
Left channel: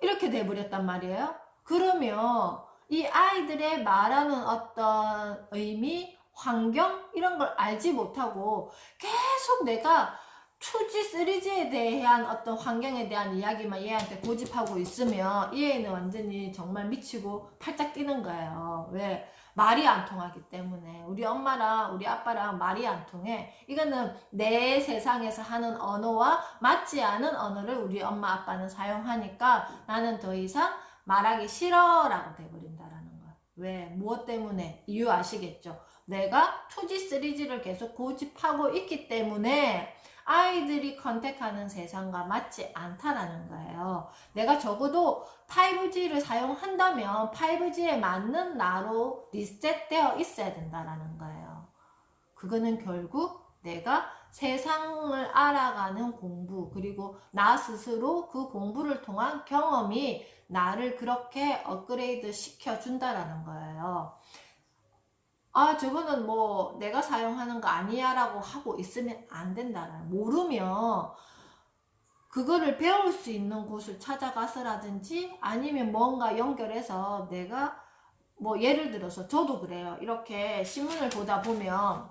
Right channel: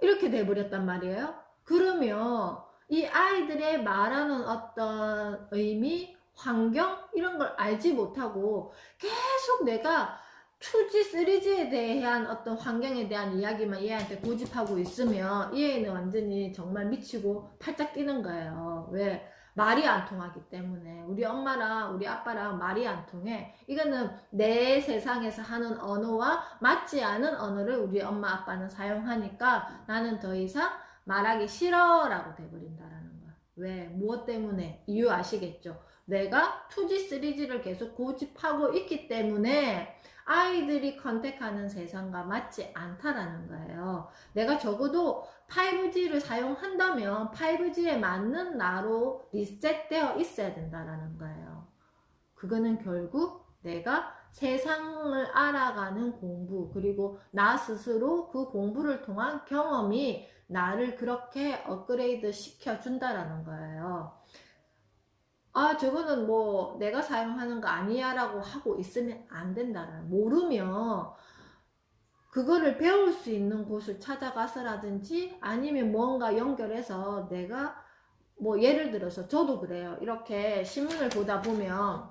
이렇게 돼버렸단 말이에요. 그러면 이 아이들의 말하는 어떤 의미, 환경 이런 걸 알지 못하고 계속 내가 2G, 3G에 대한 어떤 환경에 대한 이야기만 얘한테 고집하고 있으면 이 애는 완전히 정말 미치고 팔짝 뛰는 거예요. 왜? 말이 안 통하기 때문에. 우리 엄마랑 우리 아빠랑 말이 안 통해. 이거는 내 세상에서 하는 언어와 맞지 않은 언어를 우리 엄마 아빠는 사용하니까 나는 더 이상 말하기 싫어 라고 돼버린다라는 거야. 왜? 무엇 때문에? 이유 아시겠죠? 내가 2G, 3G를 계속 고집하고 있기 때문에 아이들이 컨택하는 세상과 맞지 않다라는 거예요. 내가 적어도 5G를 사용한다면 5G에 맞는 나로 리셋되어 있어야 된다라는 거예요. 그거는 결국 내가 세상을 알아가는 공부, 그리고 나 스스로 그 공부를 통한 경험이 나를 그렇게 업그레이드 시켜준다라는 거예요. 저거는 뭐 내가 사용하는 거 아니야 라고 하고 있으면 안 된다라는, 모르면 그거를 배울 수 있는 곳을 찾아가서라든지 아니면 뭔가 연결해서 내가 뭐 예를 들어서 저도 그래요. 이렇게 신문을 보다 보면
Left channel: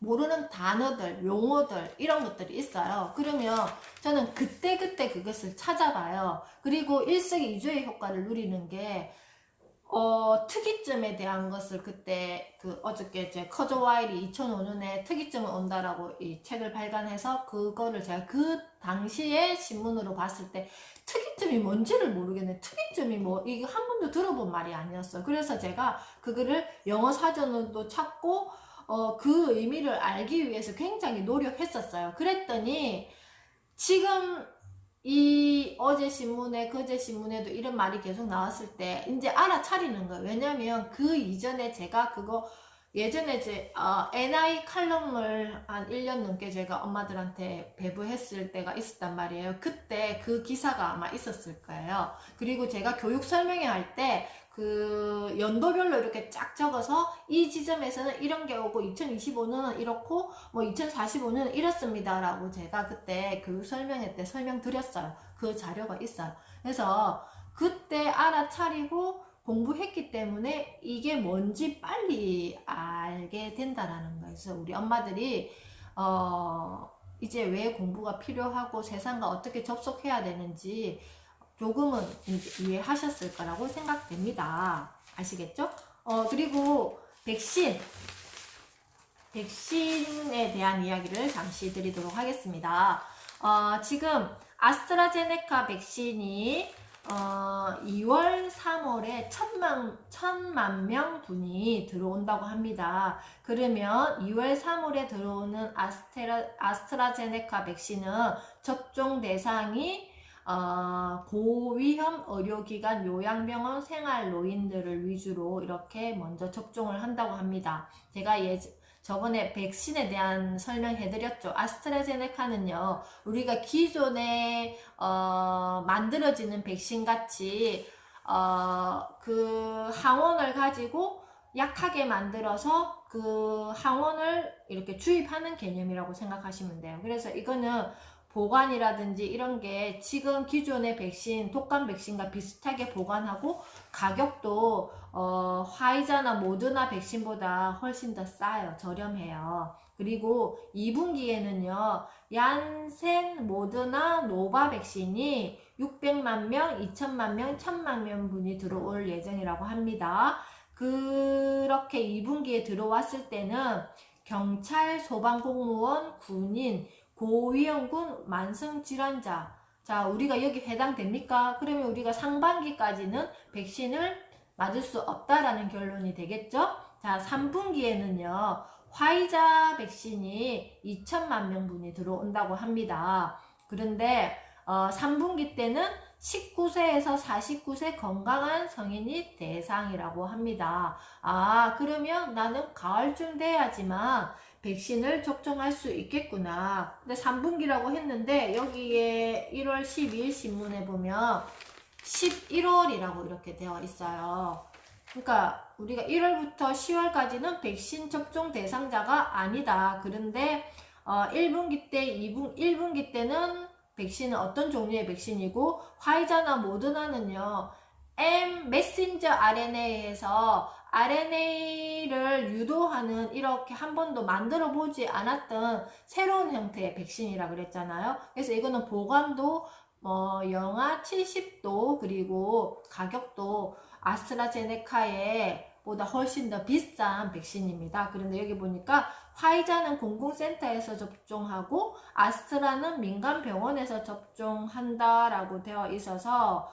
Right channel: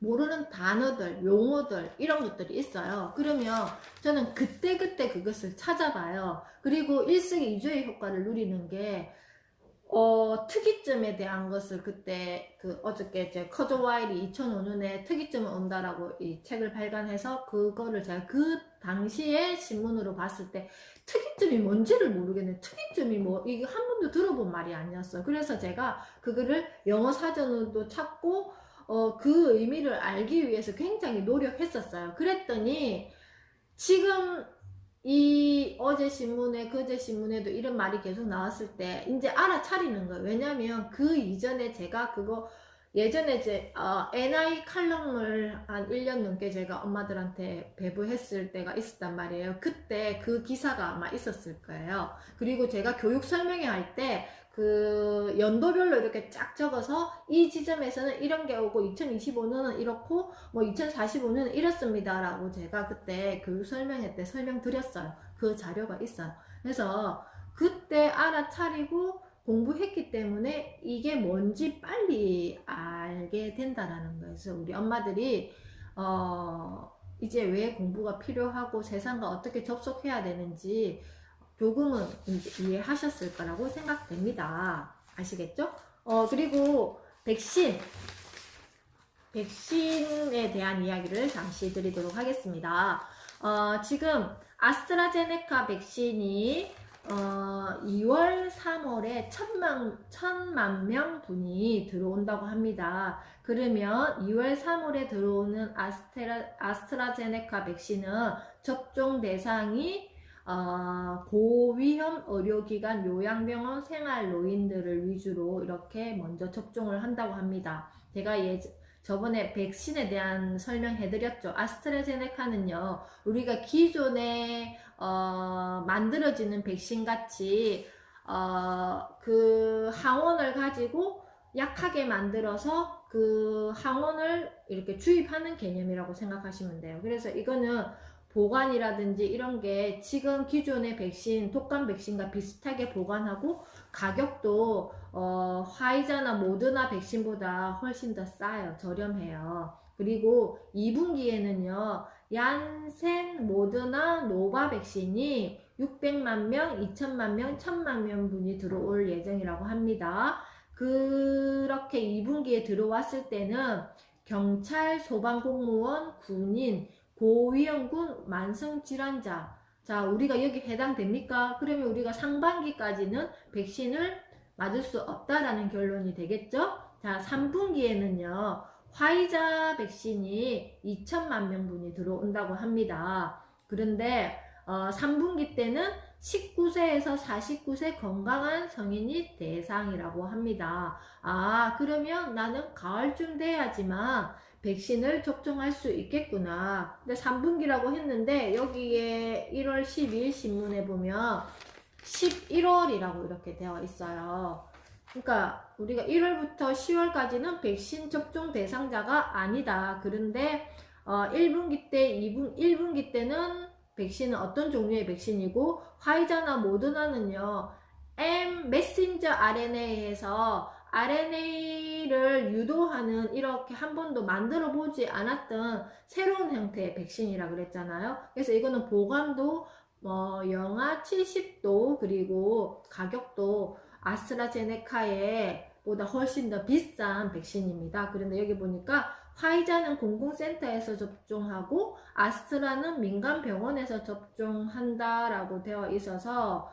모르는 단어들, 용어들 이런 것들이 있어요. 그러면 저는 그때그때 그것을 찾아봐요. 그리고 일석이조의 효과를 누리는 게 특이점에 대한 것을 그때 어저께 제 커저 와일이 2005년에 특이점은 온다라고 이 책을 발간해서 그거를 제가 그 당시에 신문으로 봤을 때 특이점이 뭔지를 모르겠네. 특이점이 뭐 이게 한 번도 들어본 말이 아니었어요. 그래서 제가 그거를 영어 사전으로도 찾고 그 의미를 알기 위해서 굉장히 노력했었어요. 그랬더니 지금 이 어제 신문에 그제 신문에도 이런 말이 계속 나왔을 때 이제 알아차리는 거예요. 왜냐면 그 이전에 제가 그거 예전에 이제 NI 칼럼을 한 1년 넘게 제가 엄마들한테 배부했을 때가 있었단 말이에요. 그때 그 기사가 아마 있었을 거예요. 그리고 제가 교육 설명회 할 때 그 연도별로 이렇게 쫙 적어서 이 지점에서는 이런 게 오고 2025년은 이렇고 뭐 2045년은 이렇습니다 라고 제가 그때 교육 설명회 때 설명드렸어요. 그 자료가 있어요. 그래서 그때 알아차리고 공부했기 때문에 이게 뭔지 빨리 알게 된다라는 거예요. 그래서 우리 엄마들이 이제 왜 공부가 필요하고 세상과 어떻게 접속해야 되는지 조금은 이제 이해하셨을 거라고 생각됩니다. 아시겠죠? 그리고 백신에 대한 이야기를 잠시 드리도록 하겠습니다. 지금 아스트라제네카 백신이 2월, 3월에 1,000만 명 분이 들어온다고 합니다. 그러면 2월, 3월에 들어오는 아스트라제네카 백신은 접종 대상이 고위험 의료기관, 요양병원, 생활노인들을 위주로 이렇게 먼저 접종을 한다고 합니다. 제가 저번에 백신에 대한 설명해드렸죠. 아스트라제네카는요, 우리가 기존에 만들어지는 백신 같이 그 항원을 가지고 약하게 만들어서 그 항원을 이렇게 주입하는 개념이라고 생각하시면 돼요. 그래서 이거는 보관이라든지 이런 게 지금 기존의 백신, 독감 백신과 비슷하게 보관하고 가격도 화이자나 모더나 백신보다 훨씬 더 싸요. 저렴해요. 그리고 2분기에는요, 얀센, 모더나, 노바 백신이 600만 명, 2천만 명, 1,000만 명 분이 들어올 예정이라고 합니다. 그렇게 2분기에 들어왔을 때는 경찰, 소방공무원, 군인, 고위험군, 만성질환자, 자, 우리가 여기 해당됩니까? 그러면 우리가 상반기까지는 백신을 맞을 수 없다라는 결론이 되겠죠? 자, 3분기에는요, 화이자 백신이 2천만 명분이 들어온다고 합니다. 그런데 3분기 때는 19세에서 49세 건강한 성인이 대상이라고 합니다. 그러면 나는 가을쯤 돼야지만 백신을 접종할 수 있겠구나. 근데 3분기라고 했는데 여기에 1월 12일 신문에 보면 11월이라고 이렇게 되어 있어요. 그러니까 우리가 1월부터 10월까지는 백신 접종 대상자가 아니다. 그런데 1분기 때, 1분기 때는 백신은 어떤 종류의 백신이고, 화이자나 모더나는요, 메신저 RNA에서 RNA를 유도하는, 이렇게 한 번도 만들어 보지 않았던 새로운 형태의 백신이라 그랬잖아요. 그래서 이거는 보관도 영하 70도, 그리고 가격도 아스트라제네카에 보다 훨씬 더 비싼 백신입니다. 그런데 여기 보니까 화이자는 공공센터에서 접종하고 아스트라는 민간병원에서 접종한다라고 되어 있어서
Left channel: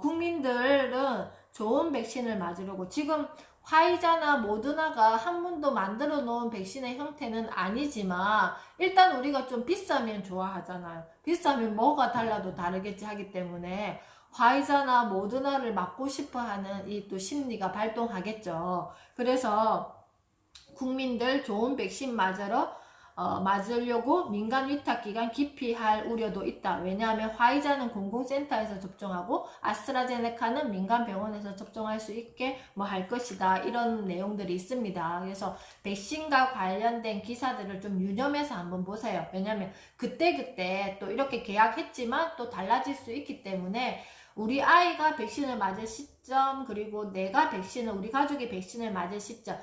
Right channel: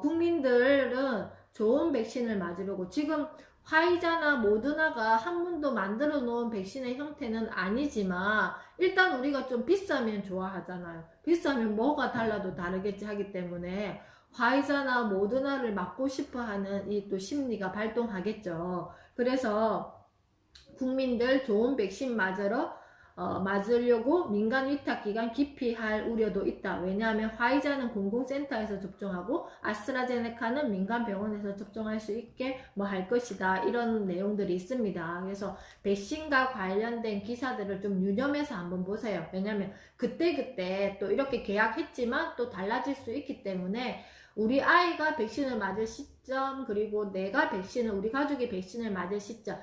국민들은 좋은 백신을 맞으려고, 지금 화이자나 모더나가 한 번도 만들어 놓은 백신의 형태는 아니지만 일단 우리가 좀 비싸면 좋아하잖아요. 비싸면 뭐가 달라도 다르겠지 하기 때문에 화이자나 모더나를 맞고 싶어 하는 이 또 심리가 발동하겠죠. 그래서 국민들 좋은 백신 맞으려고 민간 위탁기관 기피할 우려도 있다. 왜냐하면 화이자는 공공센터에서 접종하고 아스트라제네카는 민간 병원에서 접종할 수 있게 할 것이다. 이런 내용들이 있습니다. 그래서 백신과 관련된 기사들을 좀 유념해서 한번 보세요. 왜냐하면 그때그때 또 이렇게 계약했지만 또 달라질 수 있기 때문에 우리 아이가 백신을 맞을 시점, 그리고 우리 가족이 백신을 맞을 시점,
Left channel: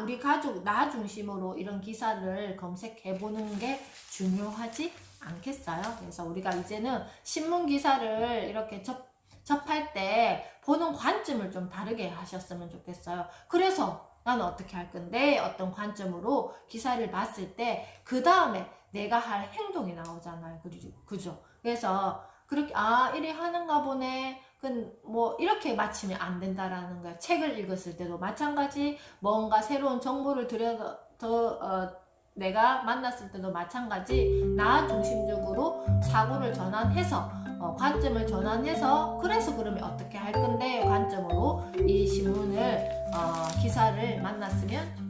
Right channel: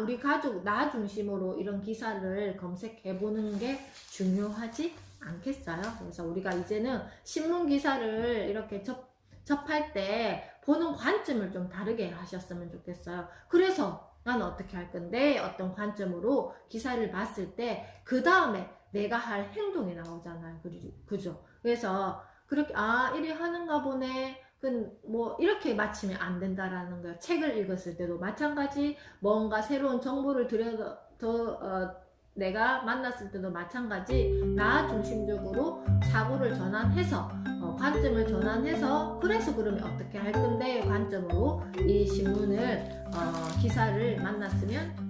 우리 가족, 나 중심으로 이런 기사를 검색해 보는 게 중요하지 않겠어요? 그래서 우리가 이제는 신문 기사를 이렇게 접할 때 보는 관점을 좀 다르게 하셨으면 좋겠어요. 그래서 나는 어떻게 할 건데, 어떤 관점으로 기사를 봤을 때 그 다음에 내가 할 행동이 나오잖아요. 그죠? 그래서 그렇게 이래 하는가 보네. 이렇게 맞추면 안 된다라는 거야. 책을 읽었을 때도 마찬가지, 뭔가 새로운 정보를 내가 만났을 때도 마찬가지, 나 중심적으로 사고를 전환해서, 관점을 전환해서, 그래서 그러면 어떻게 할 건데 관점으로 이 신문을, 기사를 만났으면